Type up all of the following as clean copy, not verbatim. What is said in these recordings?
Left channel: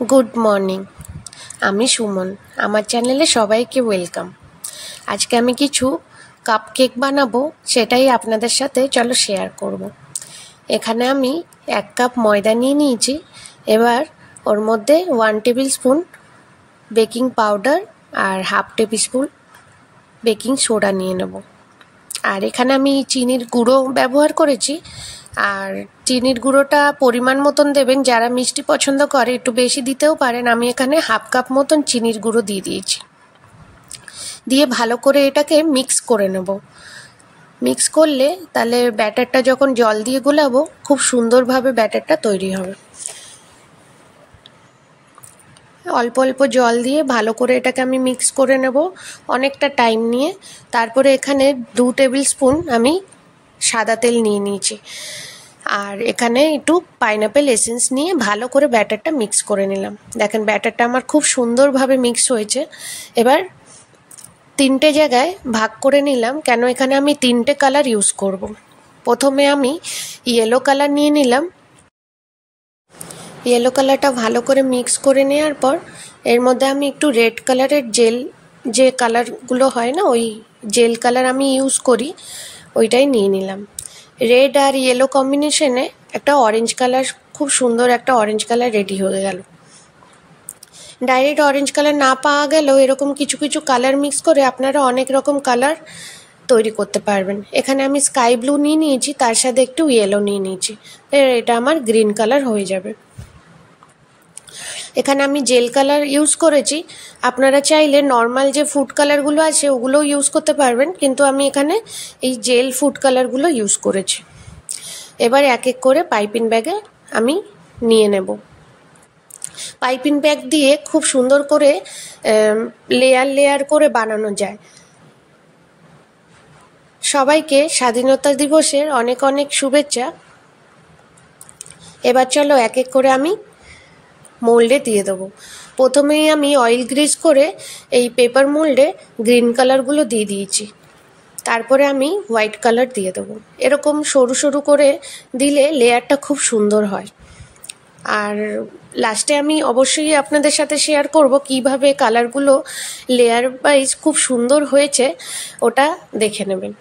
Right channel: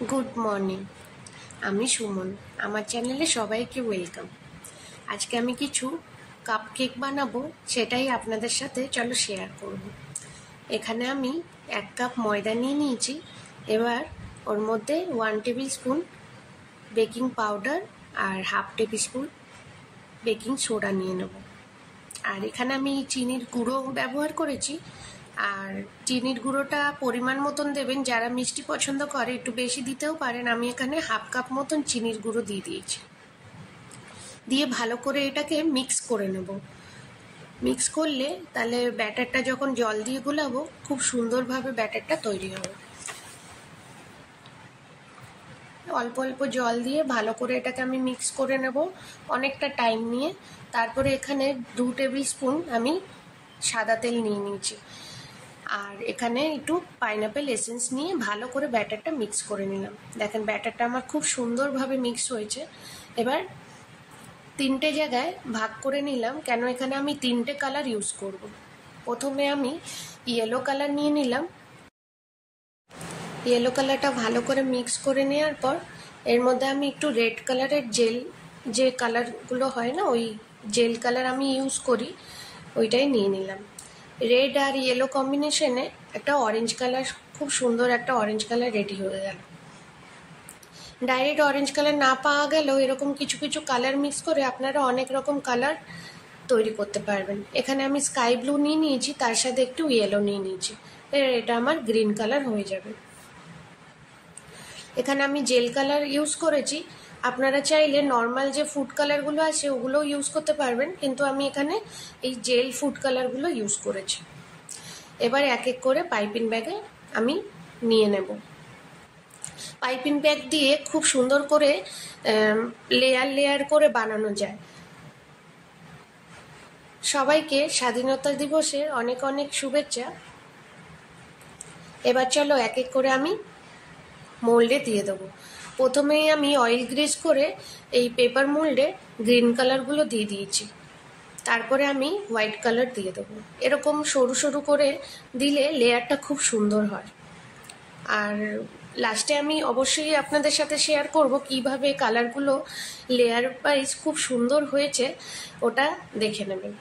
Good morning आमी सुमन आमार चैनेले सबाइके welcome. आज के आमी किछु कप केक बानाबो सेटाई आपनादेर साथे चलो शेयर करब। एखाने आमी 1 कप मयदा निये नियेछि। एबार ओर मध्य 1 टेबिल स्पून बेकिंग पाउडार और half table spoon baking soda निये नेब। और एखाने आमी चीनिर गुड़ो व्यवहार करेछि। আর চিনির গুঁড়োটা পরিমাণ মতন দেবেন, যারা মিষ্টি পছন্দ করে একটু বেশি দিতেও পারেন। আমি এখানে হাফ কাপ মতন চিনির গুঁড়ো দিয়ে দিয়েছি। দিয়ে ভালো করে এটাকে মিক্স করে নেব। মিক্স করলে তাহলে ব্যাটারটা যখন জল দিয়ে গোলাবো খুব সুন্দরভাবে ব্যাটারটা তৈরি হবে। অল্প অল্প জল দিয়ে ভালো করে এটাকে আমি মিক্স করে নেব অনেকটা টাইম নিয়ে। তারপরে এখানে 2 টেবিল স্পুন আমি সাদা তেল নিয়ে নিয়েছি। আর এখানে একটু পাইনাপেল এসেন্স নিয়ে ভালো করে ব্যাটারটা মিক্স করে নিলাম। দেখেন ব্যাটারটা আমার খুব সুন্দরভাবে মিক্স হয়েছে। এবার 3টে জায়গায় ভাগ করে নিলাম, কেন এখানে আমি 3টে কালার ইউজ করব। প্রথমে আমি ইয়েলো কালার নিয়ে নিলাম। ইয়েলো কালারটা ভালো করে মিক্স করে নেওয়ার পর এর মধ্যে আমি একটু রেড কালারের জেল, যে কালারগুলো হয় না ওই জেল কালার আমি ইউজ করি, ওইটাই নিয়ে নিলাম। রেড আর ইয়েলো কম্বিনেশনে একটা অরেঞ্জ কালার, খুব সুন্দর একটা অরেঞ্জ কালার রেডি হয়ে গেল। ডাইরেক্ট অরেঞ্জ কালার না পাওয়া গেলেও এরকম কিছু কিছু কালার মিক্স করে আপনারা অনেক রকম কালার তৈরি করতে পারবেন। এখানে আমি স্কাই ব্লু নিয়ে নিয়েছি, তার সাথে একটু ইয়েলো নিয়ে নিয়েছি। এটা আমার গ্রিন কালার হয়ে যাবে। এখানে আমি জেল কালার ইউজ করেছি। আপনারা চাইলে নর্মাল যে ফুড কালারগুলো আছে ওগুলোও ইউজ করতে পারবেন, কিন্তু আমি এখানে এই জেল ফুড কালারগুলো ইউজ করেছি। এবার এক এক করে পাইপিং ব্যাগে আমি নিয়ে নেব। পাইপিং ব্যাগ দিয়ে খুব সুন্দর করে লেয়ার লেয়ার করে বানানো যায়। সবাইকে স্বাধীনতা দিবসের অনেক অনেক শুভেচ্ছা। এবার চলো এক এক করে আমি মোল্ডে দিয়ে দেবো। প্রথমেই আমি অয়েল গ্রিজ করে এই পেপার মোল্ডে গ্রিন কালারগুলো দিয়ে দিয়েছি। তারপরে আমি হোয়াইট কালার দিয়ে দেবো। এরকম সরু সরু করে দিলে লেয়ারটা খুব সুন্দর হয়। আর লাস্টে আমি অবশ্যই আপনাদের সাথে শেয়ার করব কিভাবে কালারগুলো লেয়ার ওয়াইজ খুব সুন্দর হয়েছে, ওটা দেখে নেবেন।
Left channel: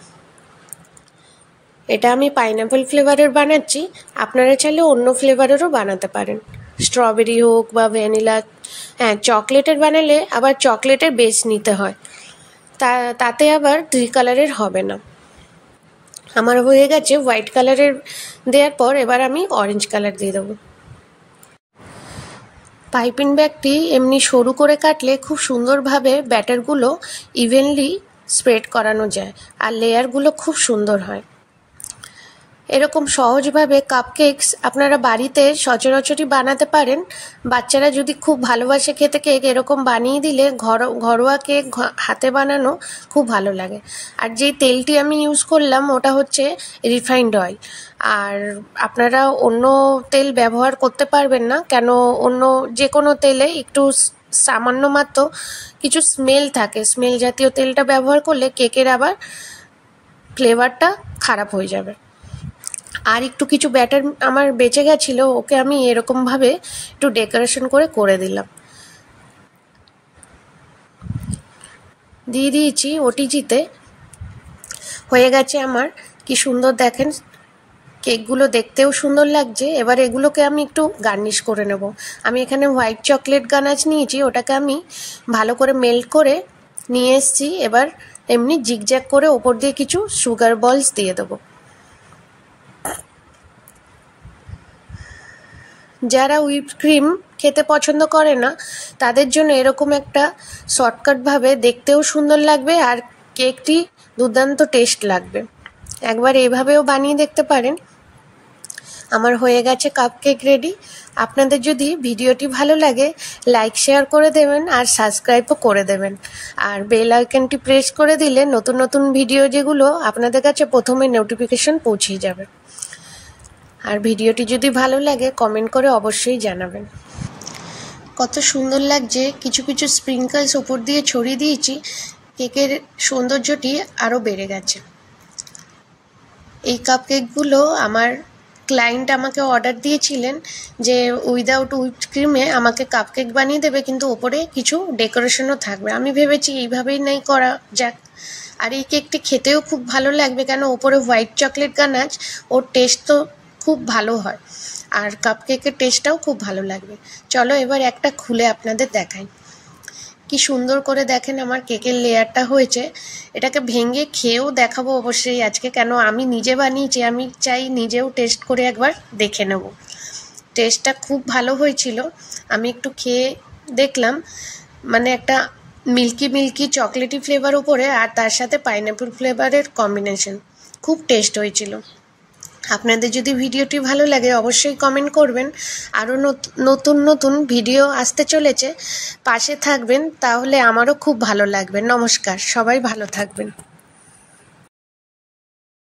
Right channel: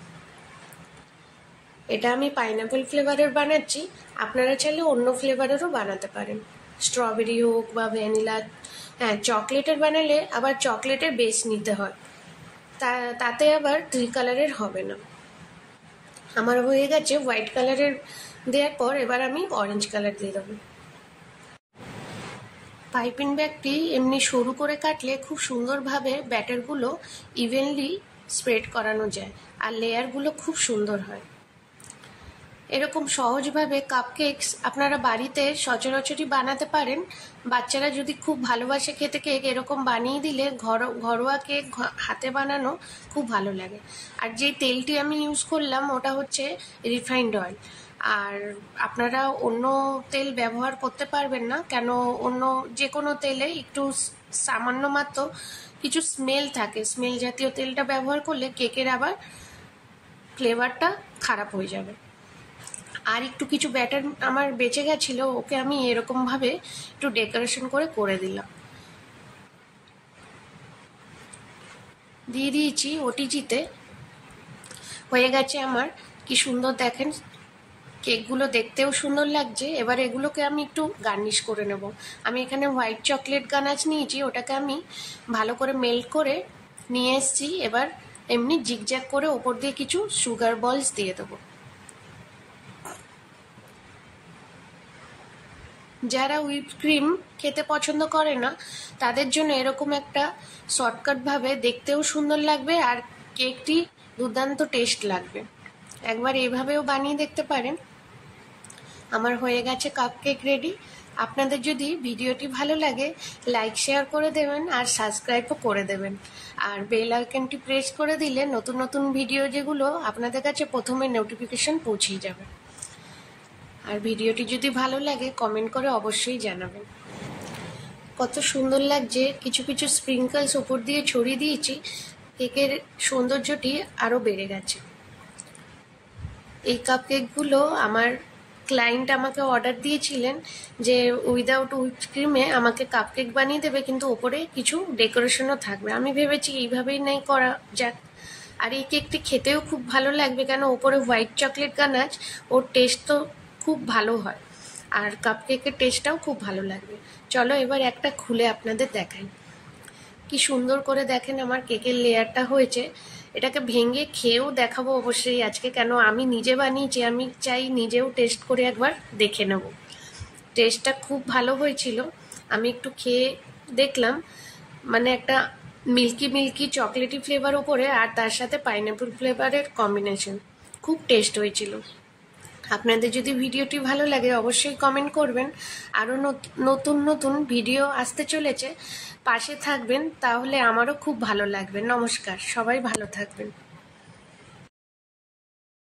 এটা আমি পাইনাপেল ফ্লেভারের বানাচ্ছি, আপনারা চাইলে অন্য ফ্লেভারেরও বানাতে পারেন। স্ট্রবেরি হোক বা ভ্যানিলা, হ্যাঁ চকলেটের বানালে আবার চকলেটের বেস নিতে হয়, তাতে আবার 3 কালারের হবে না। আমার হয়ে গেছে হোয়াইট কালারের দেওয়ার পর এবার আমি অরেঞ্জ কালার দিয়ে দেবো। পাইপিং ব্যাগটি এমনি সরু করে কাটলে খুব সুন্দরভাবে ব্যাটারগুলো ইভেনলি স্প্রেড করানো যায় আর লেয়ারগুলো খুব সুন্দর হয়। এরকম সহজভাবে কাপকেকস আপনারা বাড়িতে সচরাচরই বানাতে পারেন। বাচ্চারা যদি খুব ভালোবাসে খেতে কেক, এরকম বানিয়ে দিলে ঘরোয়া কেক হাতে বানানো খুব ভালো লাগে। আর যেই তেলটি আমি ইউজ করলাম ওটা হচ্ছে রিফাইন্ড অয়েল। আর আপনারা অন্য তেল ব্যবহার করতে পারবেন না, কেন অন্য যে কোনো তেলে একটু সামান্য মাত্র কিছু স্মেল থাকে। স্মেল জাতীয় তেলটা ব্যবহার করলে কেকের আবার ফ্লেভারটা খারাপ হয়ে যাবে। আর একটু কিছু ব্যাটার আমার বেঁচে গেছিলো, ওকে আমি এরকমভাবে একটু ডেকোরেশন করে দিলাম। দিয়ে দিয়েছি ওটিজিতে। হয়ে গেছে আমার, কি সুন্দর দেখেন কেকগুলো দেখতেও সুন্দর লাগছে। এবার এগুলোকে আমি একটু গার্নিশ করে নেব। আমি এখানে হোয়াইট চকলেট গানাচ নিয়েছি, ওটাকে আমি ভালো করে মেল্ট করে নিয়ে এসেছি। এবার এমনি জিগজ্যাগ করে ওপর দিয়ে কিছু সুগার বলস দিয়ে দেবো। যারা হুইপ ক্রিম খেতে পছন্দ করে না তাদের জন্য এরকম একটা শর্টকাটভাবে দেখতেও সুন্দর লাগবে আর কেকটি দুর্দান্ত টেস্ট লাগবে। একবার এভাবেও বানিয়ে দেখতে পারেন। আমার হয়ে গেছে কাপকেক রেডি। আপনাদের যদি ভিডিওটি ভালো লাগে লাইক শেয়ার করে দেবেন আর সাবস্ক্রাইবও করে দেবেন। আর বেল আইকনটি প্রেস করে দিলে নতুন নতুন ভিডিও যেগুলো আপনাদের কাছে প্রথমে নোটিফিকেশন পৌঁছে যাবে। আর ভিডিওটি যদি ভালো লাগে কমেন্ট করে অবশ্যই জানাবেন। কত সুন্দর লাগছে, কিছু কিছু স্প্রিঙ্কলস উপর দিয়ে ছড়িয়ে দিয়েছি, কেকের সৌন্দর্যটি আরও বেড়ে গেছে। এই কাপকেকগুলো আমার ক্লায়েন্ট আমাকে অর্ডার দিয়েছিলেন যে উইদাউট হুইপড ক্রিমে আমাকে কাপকেক বানিয়ে দেবে, কিন্তু ওপরে কিছু ডেকোরেশনও থাকবে। আমি ভেবেছি এইভাবেই নাই করা যাক। আর এই কেকটি খেতেও খুব ভালো লাগবে, কেন ওপরে হোয়াইট চকলেট গানাচ, ওর টেস্ট তো খুব ভালো হয়, আর কাপকেকের টেস্টটাও খুব ভালো লাগবে। চলো এবার একটা খুলে আপনাদের দেখাই। কি সুন্দর করে দেখেন আমার কেকের লেয়ারটা হয়েছে। এটাকে ভেঙে খেয়েও দেখাবো অবশ্যই আজকে, কেন আমি নিজে বানিয়েছি, আমি চাই নিজেও টেস্ট করে একবার দেখে নেব। টেস্টটা খুব ভালো হয়েছিল। আমি একটু খেয়ে দেখলাম, মানে একটা মিল্কি মিল্কি চকলেটি ফ্লেভার উপরে, আর তার সাথে পাইনঅ্যাপল ফ্লেভারের কম্বিনেশন, খুব টেস্ট হয়েছিল। আপনাদের যদি ভিডিওটি ভালো লাগে অবশ্যই কমেন্ট করবেন। আরও নতুন নতুন ভিডিও আসতে চলেছে, পাশে থাকবেন, তাহলে আমারও খুব ভালো লাগবে। নমস্কার, সবাই ভালো থাকবেন।